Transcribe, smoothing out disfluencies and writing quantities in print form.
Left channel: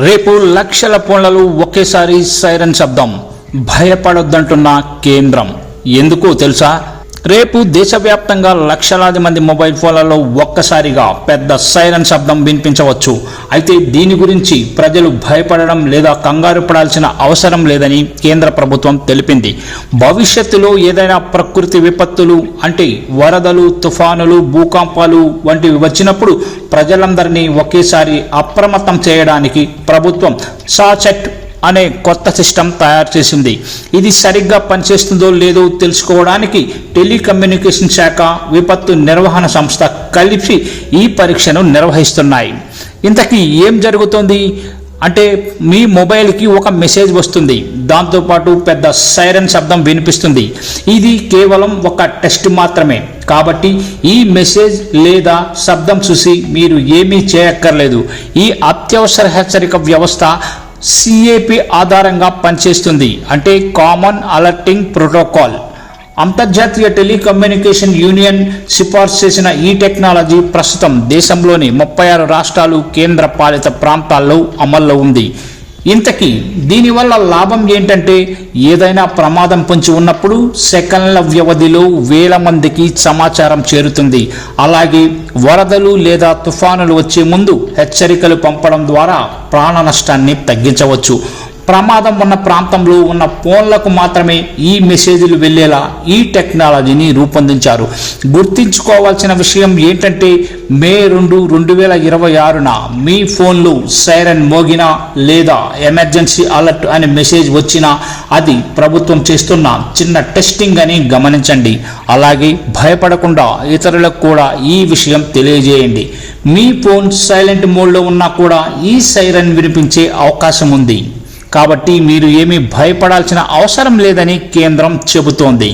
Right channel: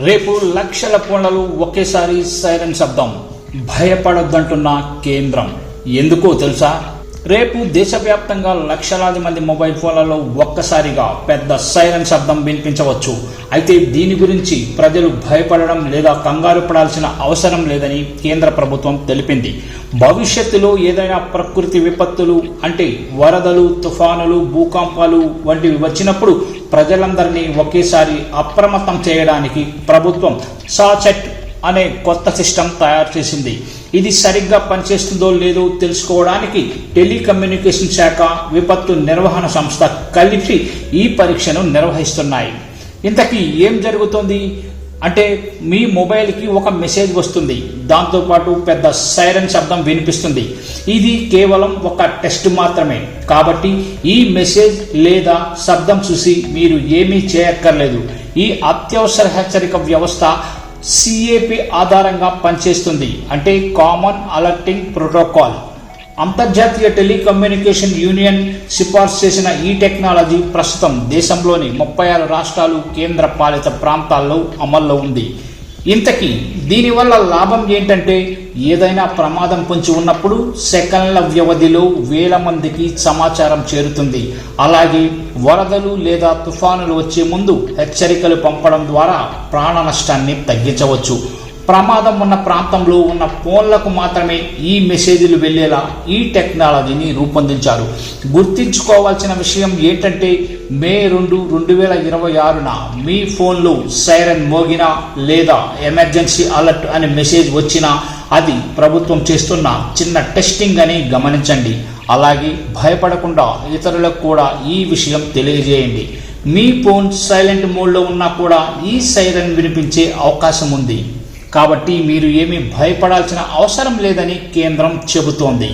రేపు లక్షల ఫోన్లలో ఒకేసారి సైరన్ శబ్దం. భయపడొద్దంటున్న కేంద్రం. ఎందుకో తెలుసా? రేపు దేశవ్యాప్తంగా లక్షలాది మంది మొబైల్ ఫోన్లలో ఒక్కసారిగా పెద్ద సైరన్ శబ్దం వినిపించవచ్చు. అయితే దీని గురించి ప్రజలు భయపడడం లేదా కంగారు పడాల్సిన అవసరం లేదని కేంద్ర ప్రభుత్వం తెలిపింది. భవిష్యత్తులో ఏదైనా ప్రకృతి విపత్తులు అంటే వరదలు, తుఫానులు, భూకంపాలు వంటివి వచ్చినప్పుడు ప్రజలందరినీ ఒకేసారి అప్రమత్తం చేయడానికి ప్రభుత్వం సాచెట్ అనే కొత్త సిస్టమ్ తయారు చేసింది. ఇది సరిగ్గా పనిచేస్తుందో లేదో తెలుసుకోవడానికి టెలికమ్యూనికేషన్ శాఖ, విపత్తు నిర్వహణ సంస్థ కలిసి ఈ పరీక్షను నిర్వహిస్తున్నాయి. ఇంతకీ ఏం జరుగుతుంది అంటే, మీ మొబైల్కి ఒక మెసేజ్ వస్తుంది, దాంతోపాటు పెద్ద సైరన్ శబ్దం వినిపిస్తుంది. ఇది కేవలం ఒక టెస్ట్ మాత్రమే, కాబట్టి ఈ మెసేజ్ లేదా శబ్దం చూసి మీరు ఏమీ చేయక్కర్లేదు. ఈ అత్యవసర హెచ్చరిక వ్యవస్థ CAP ఆధారంగా పనిచేస్తుంది, అంటే కామన్ అలర్టింగ్ ప్రోటోకాల్. అంతర్జాతీయ టెలికమ్యూనికేషన్ యూనియన్ సిఫార్సు చేసిన ఈ టెక్నాలజీ ప్రస్తుతం దేశంలోని 36 రాష్ట్రాలు, కేంద్ర పాలిత ప్రాంతాల్లో అమల్లో ఉంది. ఇంతకీ దీనివల్ల లాభం ఏంటంటే, ఏదైనా ప్రమాదం పొంచి ఉన్నప్పుడు సెకన్ల వ్యవధిలో వేల మందికి సమాచారం చేరుతుంది. అలాగే వరదలు లేదా తుఫానులు వచ్చే ముందు హెచ్చరికలు పంపడం ద్వారా ప్రాణ నష్టాన్ని తగ్గించవచ్చు. ప్రమాదం ఉన్న ప్రాంతంలో ఉన్న ఫోన్లకు మాత్రమే ఈ మెసేజ్లు వెళ్లేలా ఈ టెక్నాలజీని రూపొందించారు. గుర్తుంచుకోవాల్సిన విషయం ఏంటంటే, మే 2, 2026న మీ ఫోన్లో సైరన్ మోగినా లేదా ఎమర్జెన్సీ అలర్ట్ అనే మెసేజ్ వచ్చినా అది ప్రభుత్వం చేస్తున్న చిన్న టెస్టింగ్ అని గమనించండి. అలాగే భయపడకుండా ఇతరులకు కూడా ఈ విషయం తెలియజేయండి. మీ ఫోన్ సైలెంట్ మోడ్లో ఉన్నా కూడా ఈ సైరన్ వినిపించే అవకాశం ఉంది. కాబట్టి మీరు ఏమీ భయపడాల్సిన అవసరం లేదని కేంద్రం చెబుతోంది.